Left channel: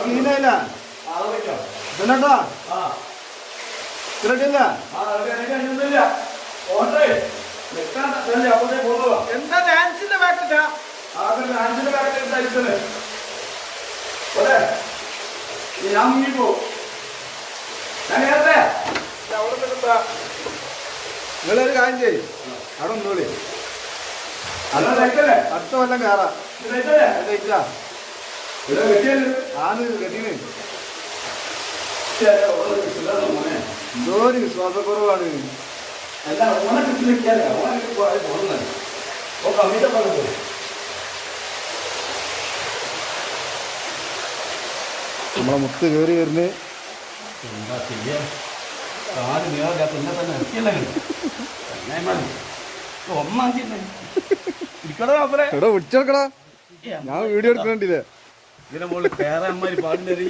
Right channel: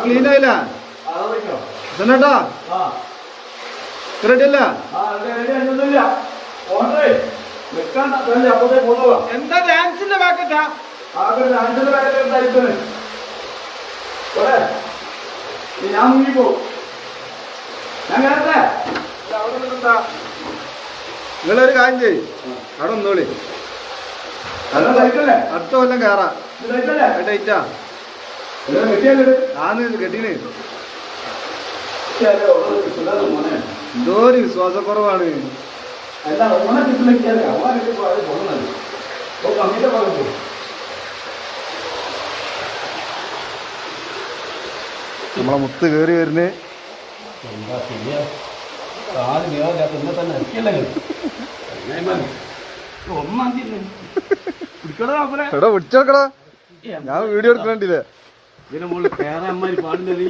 ക്ലീനായില്ല ഇതന്നെട്ടാ റെഡിയല്ല എന്താ ഡാൻസിന്റെ പാക്കറ്റാ ഞാൻ മുങ്ങിപ്പോ ഞാൻ കേട്ടെ നിങ്ങളൊരു കാര്യം ചെയ്യും അവിടെ ഒന്നോളി അടുത്ത കൊല്ലം കയറാ ഡേറ്റാ ആന്ന് കെട്ടീന് എന്തോ ഒരു വിശ്വാസക്കുറവാണ് നമ്മളെ മുത്ത് കയറി വരുന്നേ എടാ പിടിച്ചോക്കടാ ഞാൻ വീഡിയോ എടുക്കണ്ടില്ലേ ഇതിന്റെ മുകളിൽ പേരാന്മാര് പാടുന്നത്